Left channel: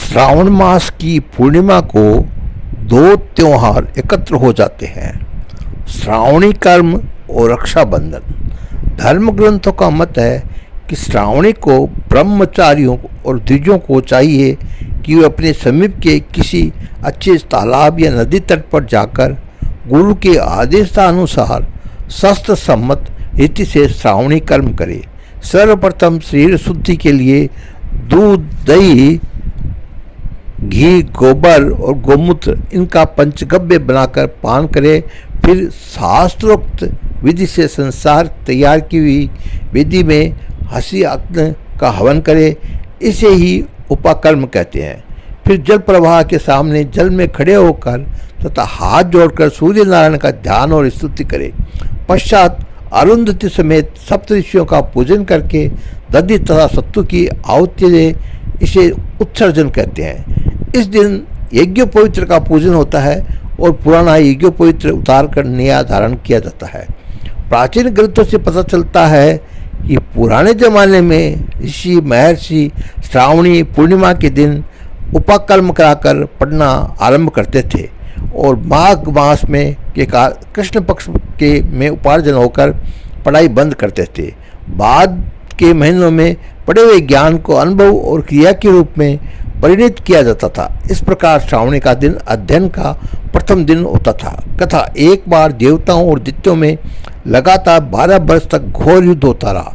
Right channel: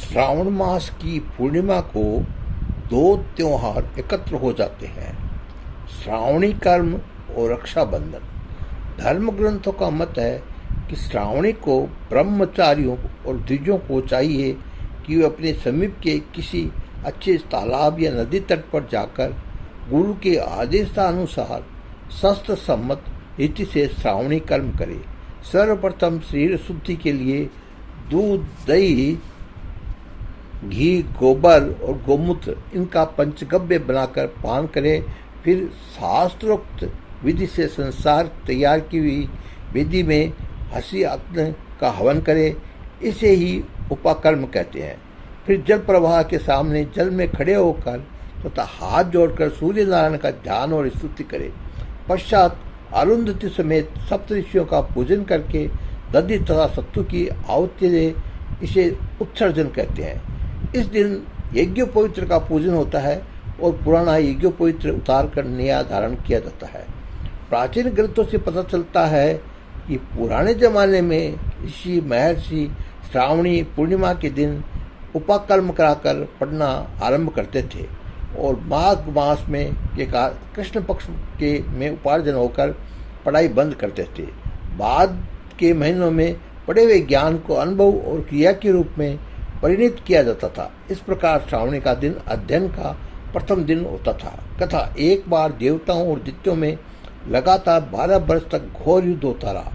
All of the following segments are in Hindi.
श्रावण मास की पूर्णिमा को दो त्योहार एकत्र हो जाते हैं, श्रावणी कर्म और रक्षाबंधन। धर्म ग्रंथों का मत है कि श्रावणी को ब्रह्मचारियों और द्विजों को चाहिए कि वे अपने समीप के किसी अच्छे तालाब या नदी तट पर जाकर गुरु के आदेशानुसार शास्त्र सम्मत रीति से श्रावणी कर्म करें। सर्वप्रथम शरीर शुद्धि के लिए दूध, दही, घी, गोबर और गोमूत्र इनका पंचगव्य बनाकर पान करें। फिर शास्त्रोक्त विधि से संसार तैयार की हुई विधि में हंसी अग्नि का हवन करें। इसे ही उपाकर्म कहते हैं। फिर जल प्रवाह के सामने जल में खड़े होकर तथा हाथ जोड़कर सूर्य नारायण का ध्यान और स्तुति करें। पश्चात अरुंधति समेत सप्तऋषियों का पूजन करके दधि तथा सत्तू की आहुति दे। इसे उत्सर्जन कहते हैं। इस दिन यज्ञोपवित्र का पूजन होता है और पुराना यज्ञोपवित्र उतार कर नया धारण किया जाता है। प्राचीन ग्रंथों से पता चलता है कि पुराने जमाने में ऋषि महर्षि श्रावणी पूर्णिमा के दिन उपाकर्म कराकर पढ़ना आरंभ करते थे और माघ मास में के कृष्ण पक्ष के में उपार्जन होकर पढ़ाई बंद करते थे। बाद के महीनों में पढ़े हुए ज्ञान को अनुभव और क्रिया के रूप में परिणित किया जाता था। इस प्रकार श्रावणी का दिन अध्ययन का प्रथम दिन होता था। कथा, एक बार देवताओं और दैत्यों में लगातार 12 वर्ष तक घोर युद्ध होता रहा।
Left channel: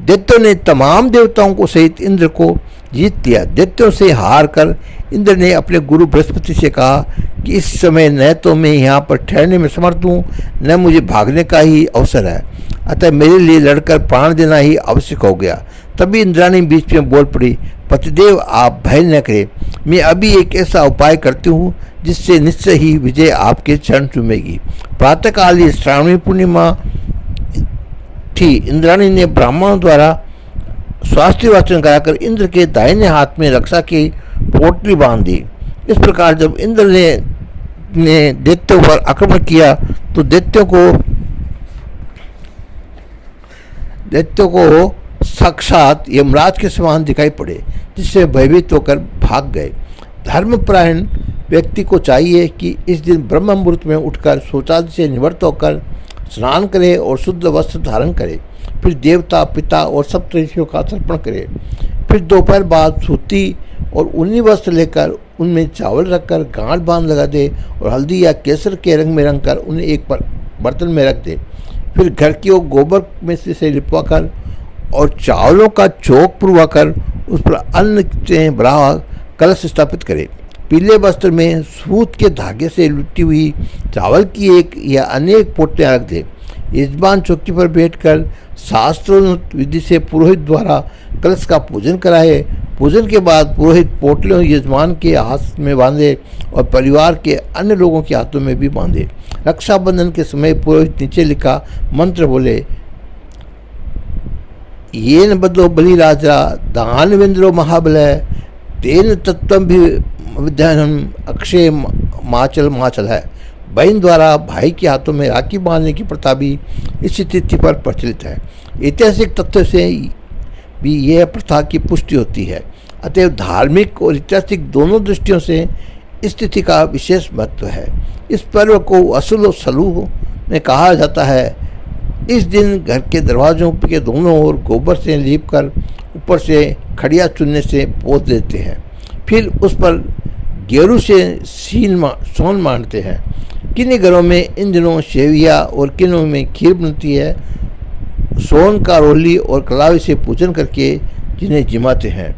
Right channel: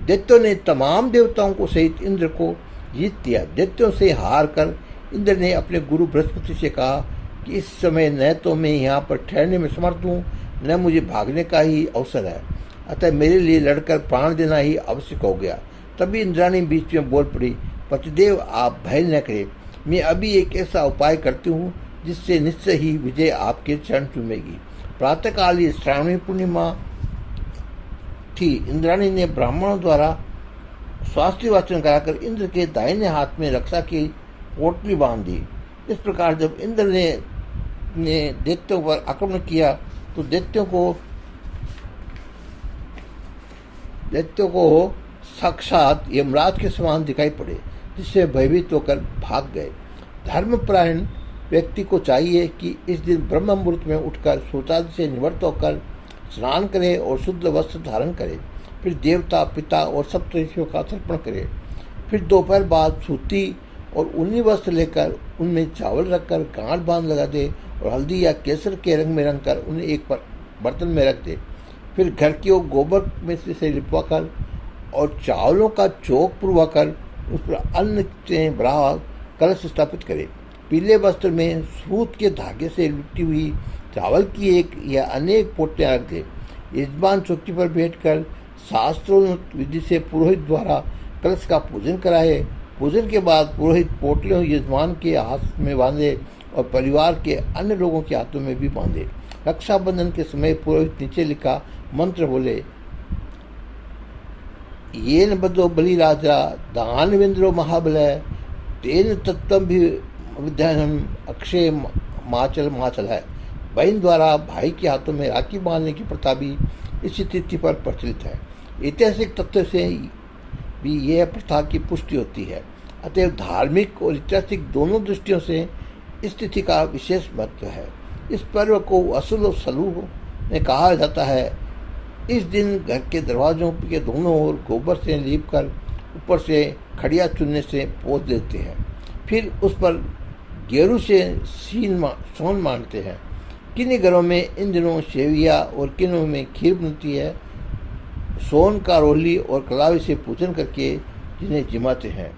दैत्यों ने तमाम देवताओं को सहित इंद्र को जीत लिया। दैत्यों से हार कर इंद्र ने अपने गुरु बृहस्पति से कहा कि इस समय न तो मैं यहाँ पर ठहरने में समर्थ हूँ, न मुझे भागने का ही अवसर है, अतः मेरे लिए लड़कर प्राण देना ही आवश्यक हो गया। तभी इंद्राणी बीच में बोल पड़ी, पतिदेव आप भय न करें, मैं अभी एक ऐसा उपाय करती हूँ जिससे निश्चय ही विजय आपके चरण चूमेगी। प्रातःकाल श्रावणी पूर्णिमा थी। इंद्राणी ने ब्राह्मणों द्वारा स्वास्थ्य वाचन कराकर इंद्र के दाहिने हाथ में रक्षा की पोटली बांध दी। इस प्रकार जब इंद्र ने दैत्यों पर आक्रमण किया तो दैत्यों को साक्षात यमराज के समान दिखाई पड़े, जिससे भयभीत होकर भाग गए। धर्मपरायण व्यक्ति को चाहिए कि इस दिन ब्रह्म मुहूर्त में उठकर शौचालय से निवृत्त होकर स्नान करे और शुद्ध वस्त्र धारण करे। फिर देवता, पिता और सप्तऋषियों का तर्पण करे। फिर दोपहर बाद सूती और ऊनी वस्त्र लेकर उनमें चावल रखकर गांठ बांध लगा दे और हल्दी या केसर के रंग में रंग कर उन्हें एक बर्तन में रख दे। फिर घर की ओर गोबर में से लिपवा कर और चावलों का चौक पुरवाकर उस पर अन्न से भरा कलश स्थापित करे। पीले वस्त्र में सूत के धागे से लुटी हुई चावल की एक या अनेक पोटलियाँ रख दे। यजमान चौकी पर बैठकर शास्त्रोक्त विधि से पुरोहित द्वारा कलश का पूजन कराए। पूजन के बाद पुरोहित पोटलियों यजमान के हाथ में बांधे और परिवार के अन्य लोगों के हाथों में भी बांधे। रक्षाबंधन के समय पुरोहित नीचे लिखा मंत्र बोले, येन बदलो बलिराजा दानवेंद्रो महाबलय तेन तत्व भी विद्यानम अक्षय माचल है। बहन द्वारा भाई के हाथों में राखी बांधने की प्रथा भी इस तिथि पर प्रचलित है। ऐतिहासिक तथ्य से भी यह प्रथा की पुष्टि होती है। अतएव धार्मिक और ऐतिहासिक दोनों दृष्टियों से इस तिथि का विशेष महत्व है। इस पर्व को असुल और सलूह में कहा जाता है। इस दिन घर के दरवाजों के दोनों ओर गोबर से लीप कर ऊपर से खड़िया चुनने से पोत देते हैं। फिर उस पर गेरू से सोन मारते हैं। किन्हीं घरों में इन दिनों सेविया और किन्हीं में खीर बनती है। सोन का रोली और कलावी से पूजन करके जिन्हें जिमाते हैं।